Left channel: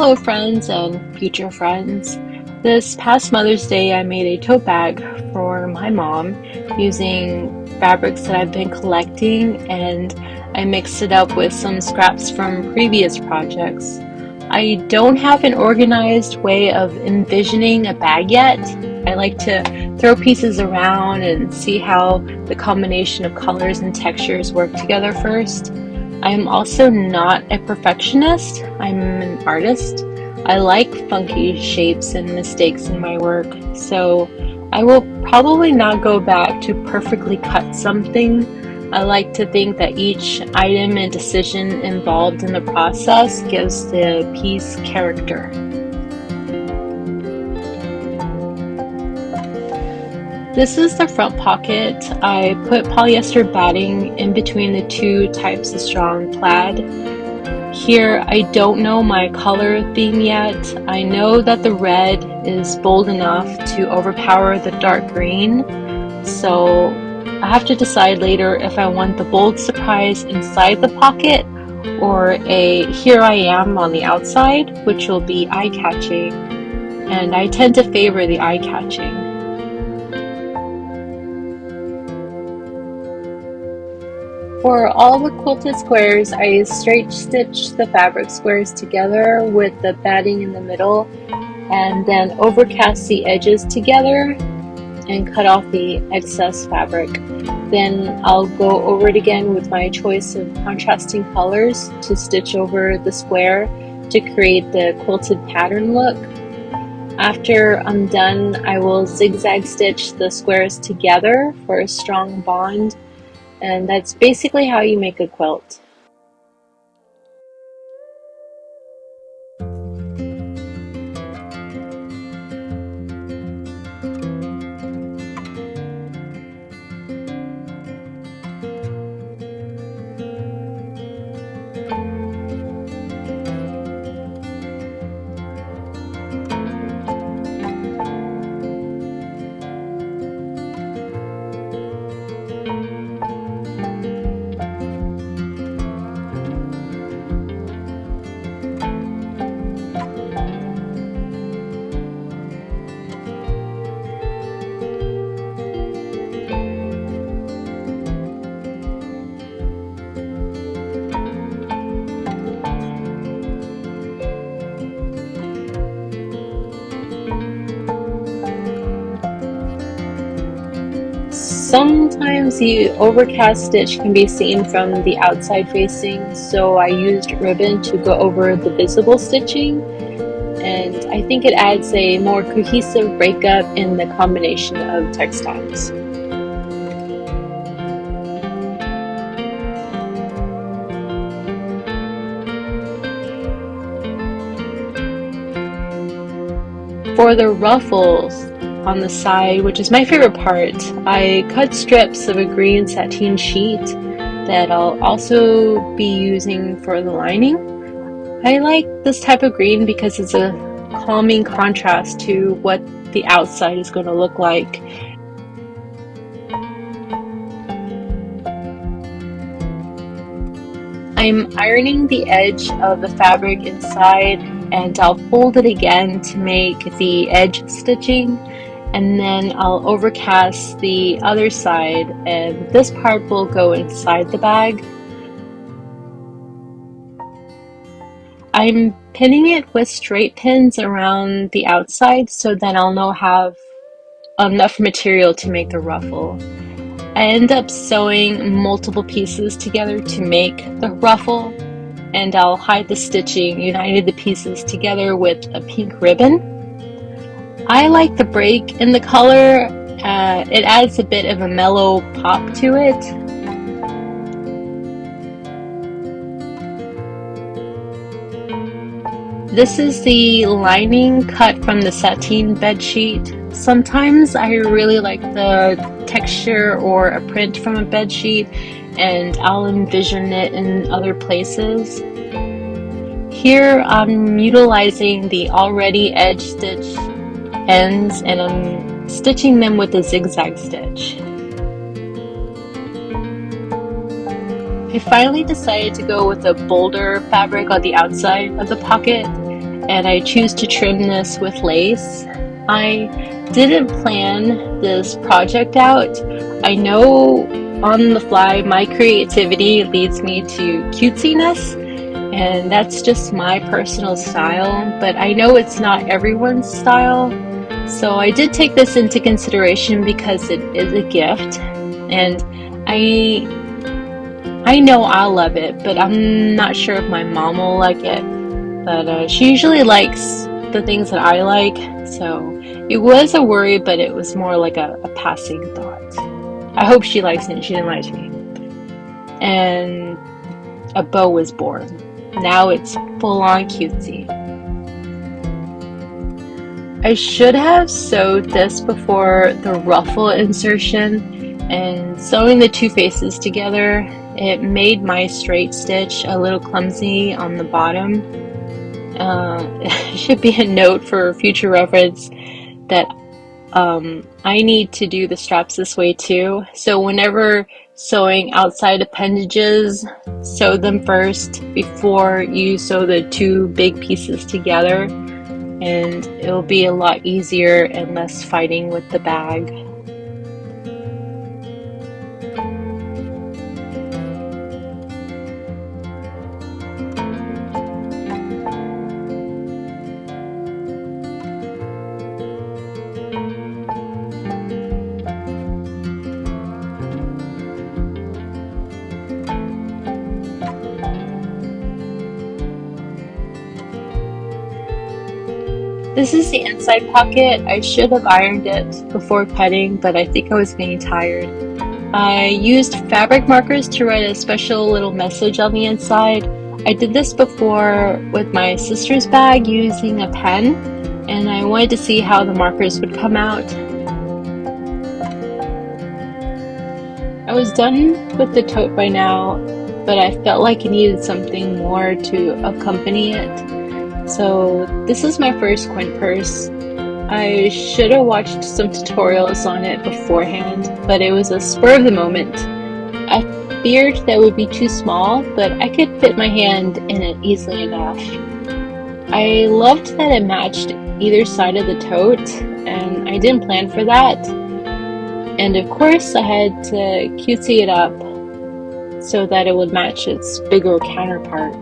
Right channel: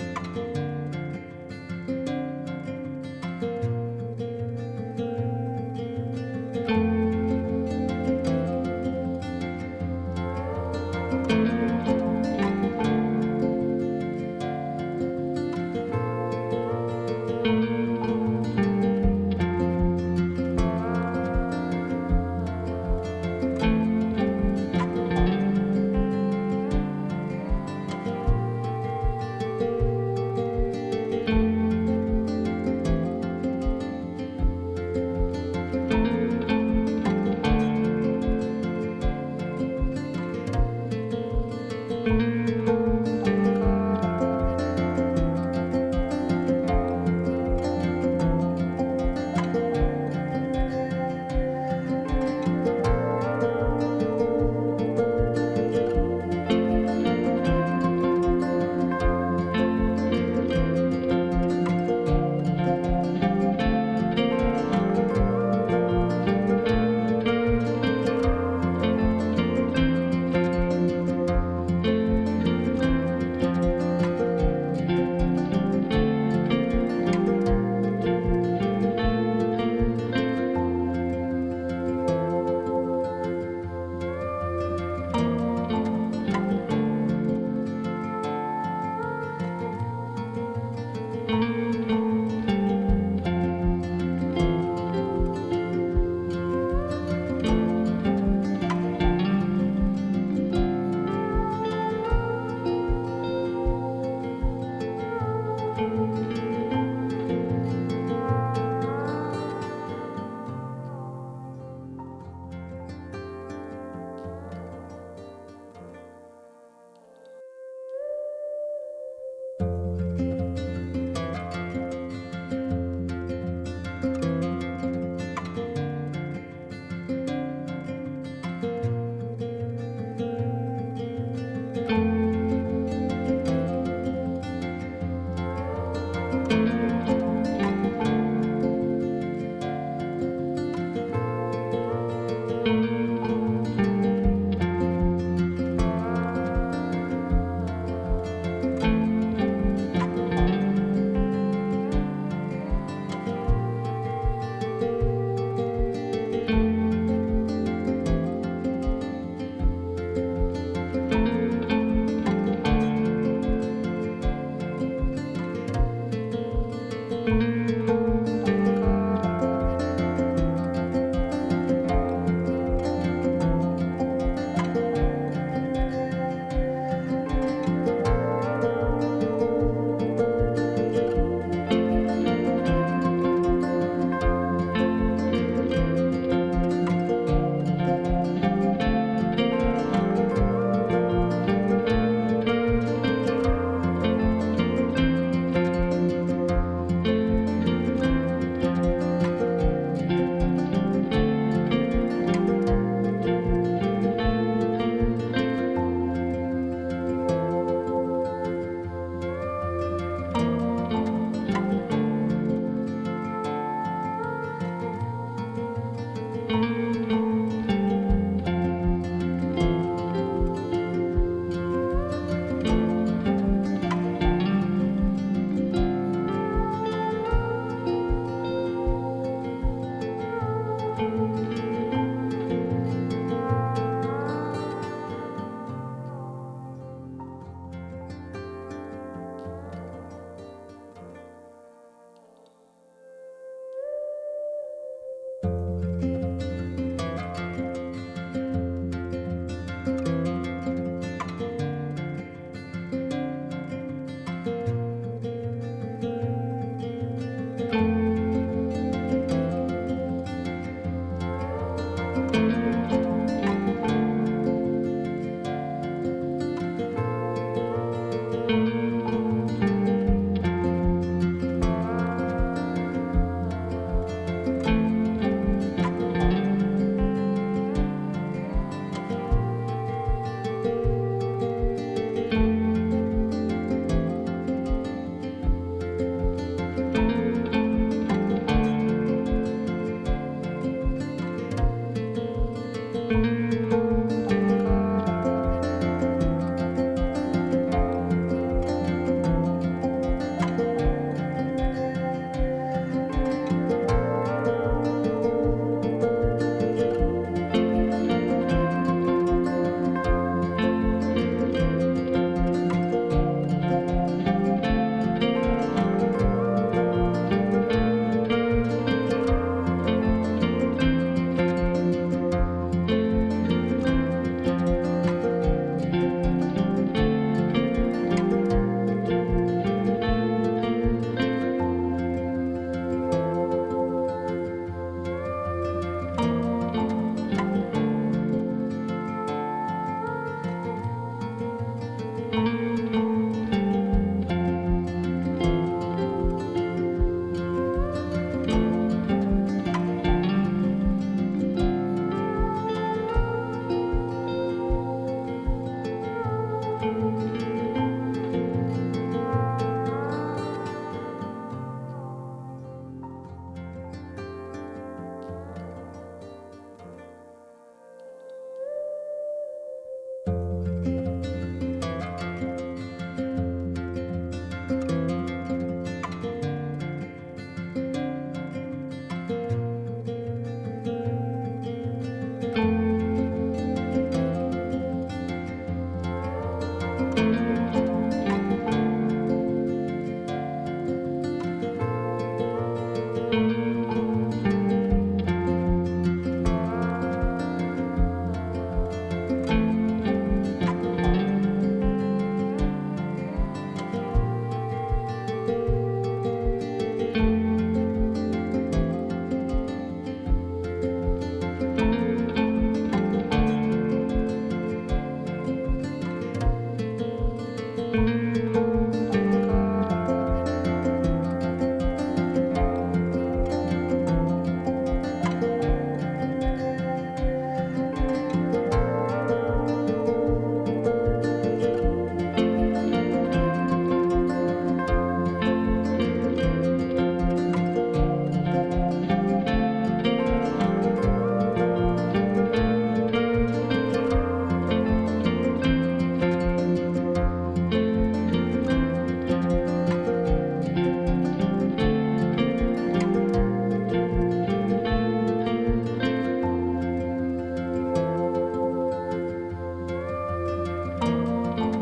Hello friends and future friends. This past Mother's Day I made a tote bag for my mom using fabrics that I've been collecting, and I mixed it up with some scraps from previous projects. I don't have an organized way of envisioning a bag yet. I like to throw pieces around and see how the combination of colors and textures work together first. I am also not a perfectionist. I'm an artist. I like funky shapes and mistakes in my work, so I will probably not go back to perfectly cut something. I like to think that each item and decision involved in the process gives the piece character. This is the front pocket. I put polyester batting in between the two types of strong plaid. Here, I don't know my color theme yet. I know that the red is bold enough to overpower the dark green, so I have to decide later if I want the bold surprise inside the pocket or a here I am on the outside, which will be eye-catching, and I tend to favor the eye-catching. For all the quilted squares, I straight stitch the fabric squares together with the batting in the middle, and then overcast the edges together and cut off the excess fabric. Then I'll go over it again with my choice of contrasting colors to stitch over the square to create the quilted pattern look. After I'm done, I will zigzag stitch the squares together for a strong bond. And that's basically how you make a quilt. Sometimes the overcast stitch can be seen from the outside facing, so I used ribbon to go over the visible stitching, and I think it adds a more cohesive breakup in the combination of textiles. For the ruffles on the side, which is my favorite part, I cut strips of a green sateen sheet that I'll also be using for the lining. I like this type of green because it's a calming contrast to what the outside is going to look like. I'm ironing the edge of the fabric inside, and I'll fold it again to make the edge stitching, and then I'll overcast the other side, and this part will go inside the bag. I'm pinning it with straight pins around the outside so then I'll know have enough material to make the ruffle. I end up sewing multiple pieces together to make the ruffle, and I'll hide the stitching, united the pieces together with a pink ribbon. I like the break in the color. It adds a bit of a mellow pop to it. This is the lining cut from the sateen bed sheet. Sometimes I really like the texture or a print from a bed sheet, and I'll envision it in other places. Here I'm utilizing the already edge stitch ends, and I'm stitching them with a zigzag stitch. I finally decided to go with a bolder fabric on the outside of the pocket, and I choose to trim this with lace. I didn't plan this project out. I know on the fly my creativity leads me to cutesiness, and that's just my personal style, but I know it's not everyone's style. So I did take this into consideration because it is a gift, and I I know I'll love it, but I'm not sure if my mom will like it. But she usually likes the things that I like, so it was a worry, but it was more like a passing thought. I hope she likes it and she invites me. And a bow was born. Now it's full on cutesy. I should have sewed this before the ruffle insertion, and sewing the two faces together, it made my straight stitch a little clumsy on the bottom. It should be a note for future reference that I need to do the straps this way too. So whenever sewing outside appendages, sew them first before you sew the two big pieces together, and it'll be a lot easier and less fighting with the bag. This is the inside pocket. I should have ironed it before cutting, but I think I was getting tired. I used fabric markers to write a special little message on the inside. I did this before with my sister's bag using a pen, and I wanted to see how the markers would come out. I was done with the tote by now, but I felt like I needed something more to accompany it. So this is my first coin purse. I should have watched some tutorials on it beforehand, but it was a spur of the moment. I feared that it would be too small, but I could fit my hand in it easily enough. I loved that it matched either side of the tote, and I didn't plan for that. And of course, I had to cutesy it up so that it would match its bigger counterpart.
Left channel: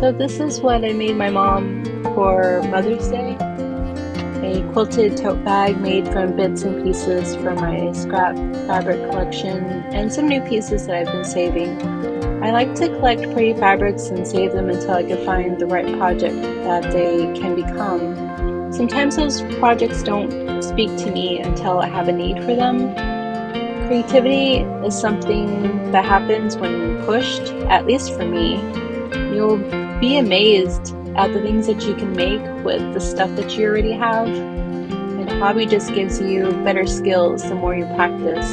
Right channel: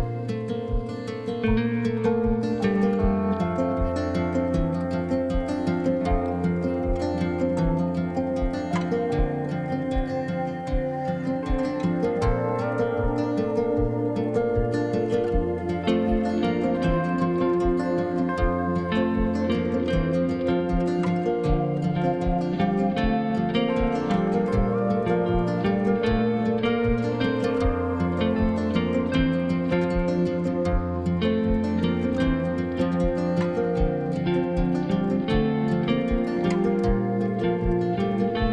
So this is what I made my mom for Mother's Day. A quilted tote bag made from bits and pieces from my scrap fabric collection and some new pieces that I've been saving. I like to collect pretty fabrics and save them until I can find the right project that they can become. Sometimes those projects don't speak to me until I have a need for them. Creativity is something that happens when pushed, at least for me. You'll be amazed at the things that you can make with the stuff that you already have. It probably just gives you better skills the more you practice.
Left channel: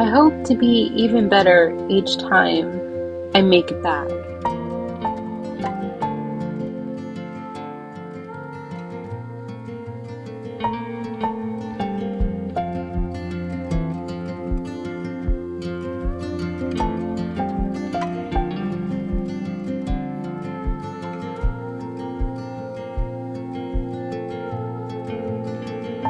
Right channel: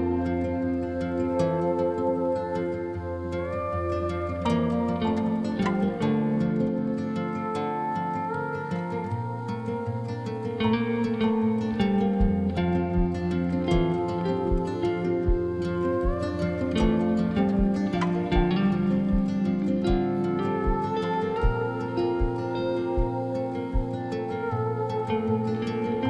I hope to be even better each time I make a bag.